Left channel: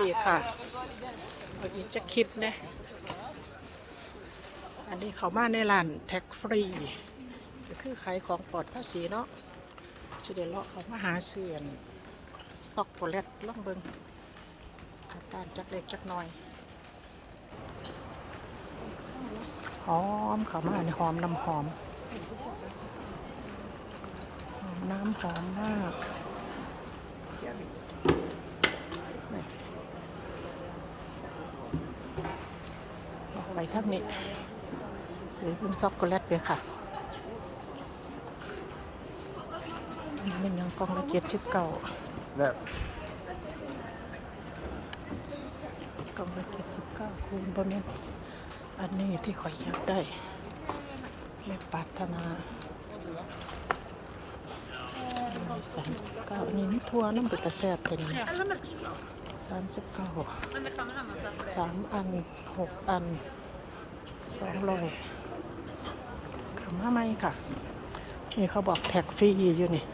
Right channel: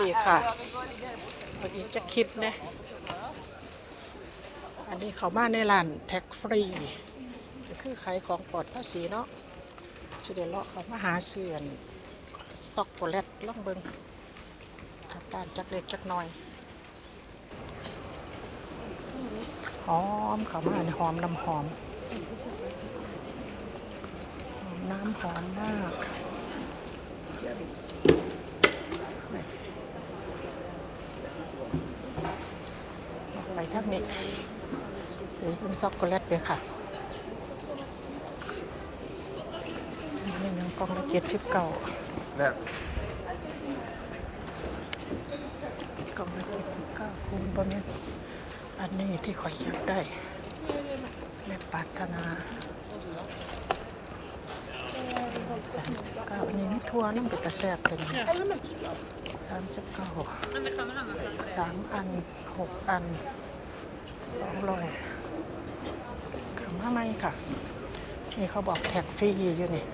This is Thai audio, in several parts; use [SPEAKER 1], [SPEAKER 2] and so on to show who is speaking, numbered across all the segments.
[SPEAKER 1] ดีค่ะเอาอีกจะคลิปนะอันนี้เขามาในร้านแท็กฟรีก็คือขายของปลอดภาษีเนาะจะเดี๋ยวเลาะเขามาหาเสื่อนสต็อกโกแลตล่องเบิงกลับบ้านจักเล็กจักน้อยหอมเขามาในหอมน้ำหอม น้ำหอมมากเอาไปท่า นี้ซื้อเป็นช็อกโกแลตเลยค่ะนี่ยังกล่องละเจ็ดสิบเก้า
[SPEAKER 2] เนี่ย
[SPEAKER 1] กล่องละเจ็ดสิบเก้าคูณบนนี้อันนี้ที่ข่อยอยากได้แม่ปรารถนาสามสิบเก้าอันนี้ไม่ทั่วน้ำเป็นตะแซ่บเป็นสามสิบเก้าสามอันหกอัน สองร้อยขนมไหมค่ะ นี่เขาบอกแท็กฟรีอยู่นี่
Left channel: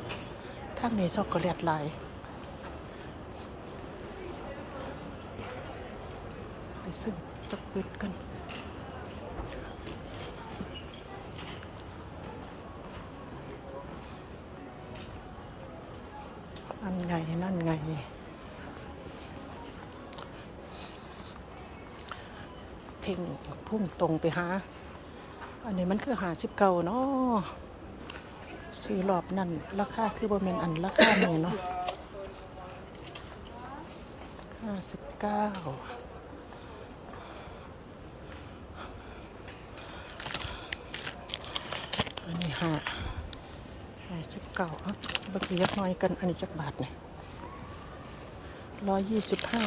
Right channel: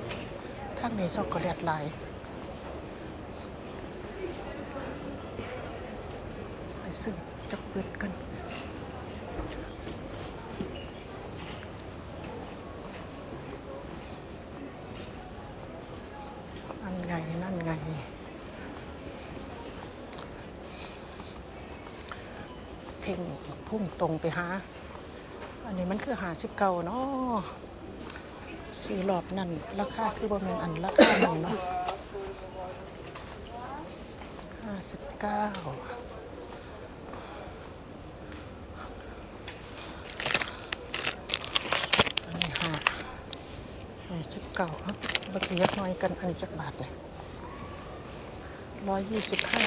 [SPEAKER 1] ถ้ามีช็อกโกแลตลายไปซื้อจักปิดกันนั่นไง นั่นไงเพ่ง พุ่งตรงไปหา อันนี้มันคือหาสิบเก้าเนาะสี่รอบนั่นราคาคือบ่แมีอันราคาหนึ่งเนาะห้าสิบเก้าอันนี้ห้าห้าสิบเก้าเนาะไปเรียกน้อยกันอันนี้จักบาทเนี่ยร้อยยี่สิบห้า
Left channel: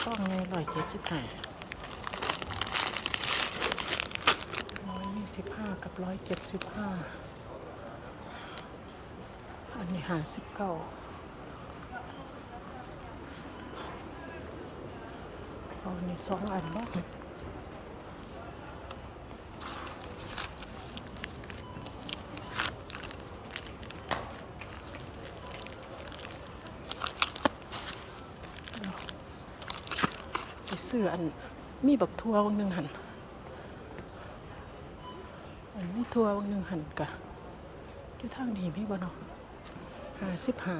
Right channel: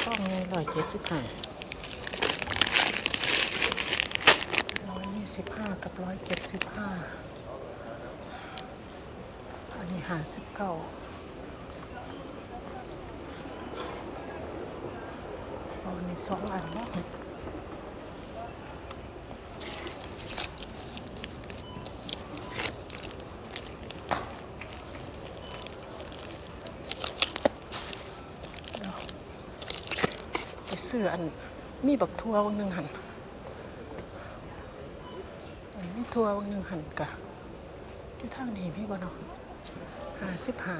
[SPEAKER 1] ช่องไงร้อยเจ็ดสิบห้าร้อยยี่ สิบห้ากับร้อยเจ็ดสิบห้าอันนี้หาสิบเก้าอันนี้สองอันบ้างไปซื้ออันมีบักทัววงนึงหันอันมี ทัววังนึ่งหันกะที่ทางนี้มีบนห้าสิบห้า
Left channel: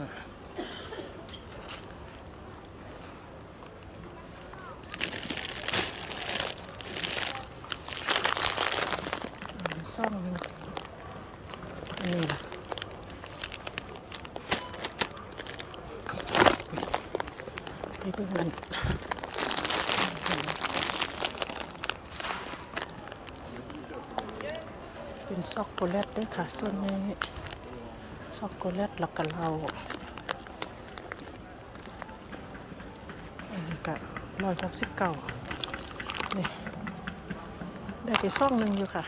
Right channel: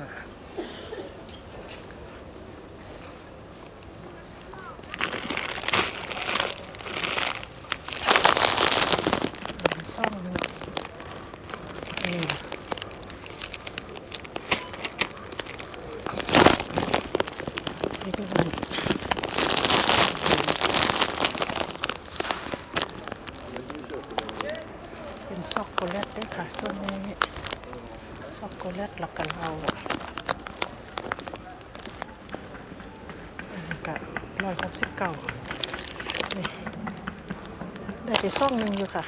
[SPEAKER 1] ซ่องหนึ่งนี่แหละนี่ดูมัน เป็น ช็อกโกแลตด้วยค่ะส่วนนี้ช็อกโกแลตแล้วก็เราอันนี้ก็ร้อยหกสิบเก้านี่ได้ไปซ่องหนึ่งอยู่ค่ะ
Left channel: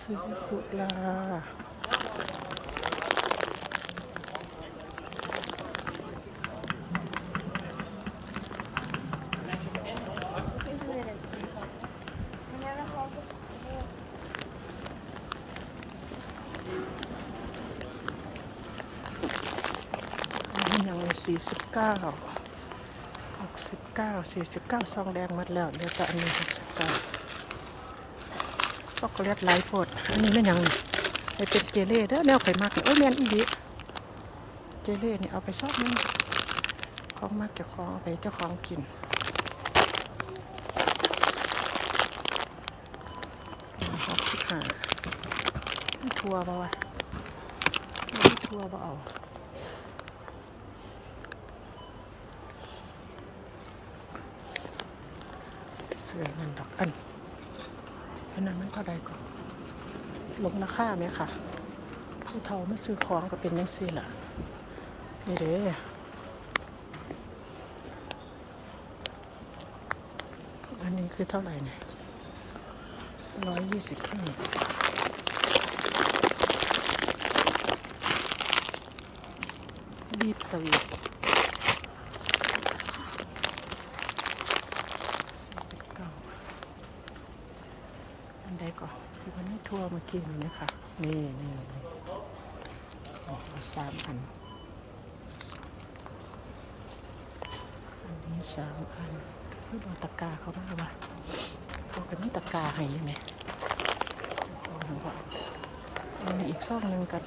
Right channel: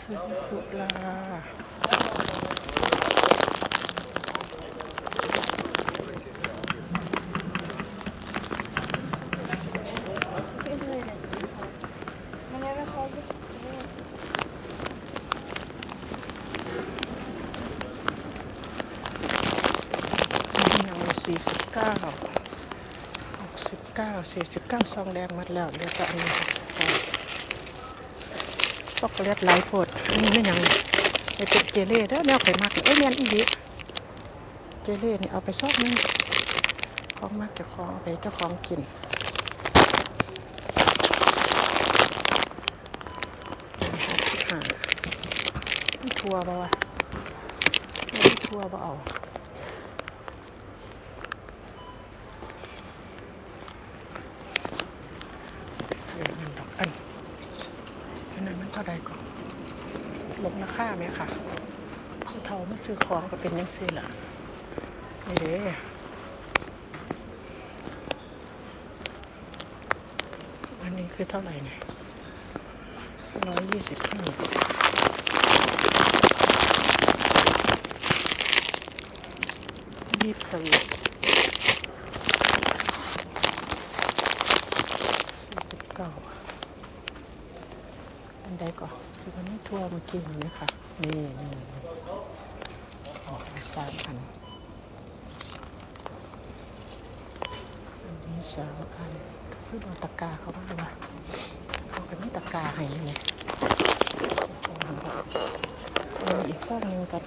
[SPEAKER 1] สีสุดแล้ว สี่สิบเก้าหกสิบเก้าสี่สิบเก้าซองแดงมัดแล้วเหลือแต่อันนี้หกสิบเก้าช็อกโกแลตหลายโพดนนี้ไม่ยังไปเป็นเจเล่เด้อแนวไขมักเอ้ยแมนอีดีเจเล่นี่เอาไปซอกนึงของมากเจ้าของไปเจ้าของกินหกสิบห้าไม่ทัวร์ป่าวะทัวร์ป่เอา สวยมันดอกอันอันนั้นมันเท่าใดก่อนลดราคาไหมค่ะผู้เฒ่ามาซื้อของก็เป็นยังซื้อล่ะนี่เด้อันนี้คือเท่าไหร่เนี่ยร้อยยี่สิบห้ายีบสวีท สี่สิบเก้าอันใดก่อนคือมันทั่วมากินนะคะนี่นี่นี่เอาไปสามอันอันนี้สามอันคือเอาตะกาเขาด้วยวะมันเป็นตะกาให้นะเอามาอีกซองหนึ่งกัน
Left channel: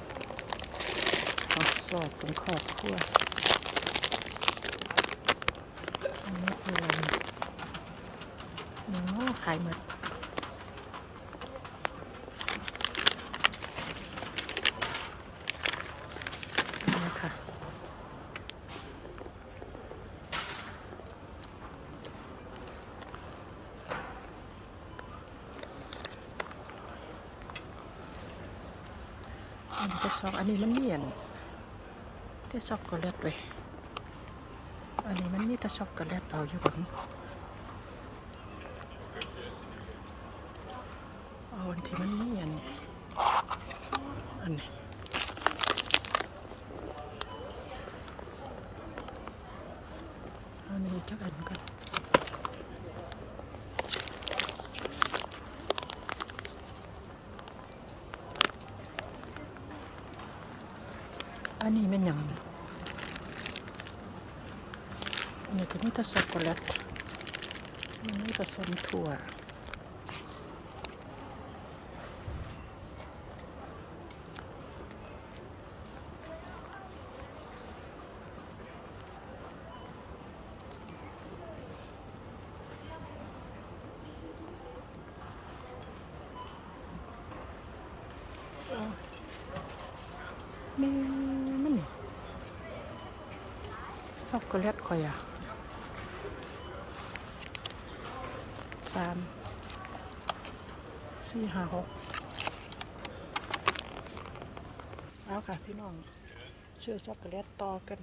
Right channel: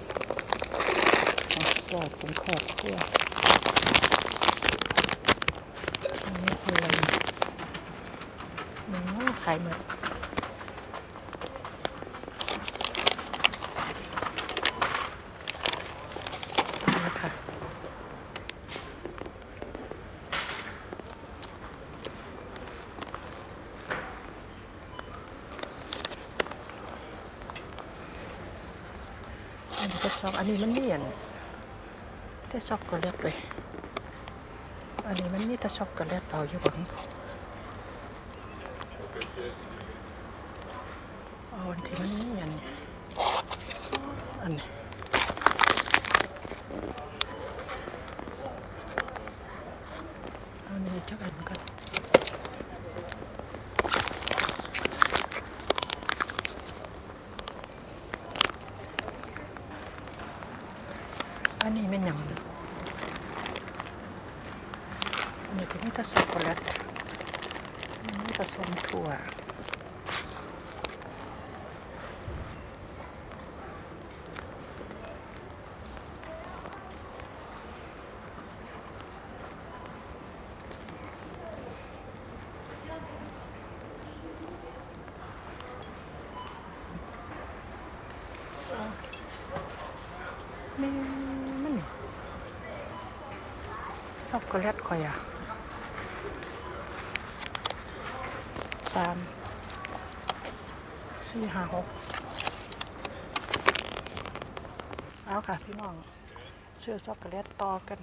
[SPEAKER 1] สอดเป็นครอบครัวอันนี้คืออะไรเนี่ยหนึ่งว่าขายหมด นี่ค่ะอั นนี้ก็ช็อกอันนี้มันเนียนแต่ช็อกโกแลตเลยอันนี้มันมีแต่ช็อกโกแลตเอาอยู่ตรงนี้เอาอันที่มันเนียนอันนี้อันนี้จักอันกัน อันนี้ไม่นหยังนี่อันนี้ก็มีแต่ช็อกโกแลตมีผสมถั่วนี่มันนี่ ช็อกโกแลตข่อยอะสามสี่ห้าหกเอาค่ะพี่น้องเสื้อช็อกโกแลตต่อกัน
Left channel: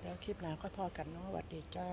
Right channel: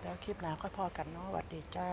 [SPEAKER 1] แล้วคลิปหน้าก็พอกันเนาะสวัสดีจ้า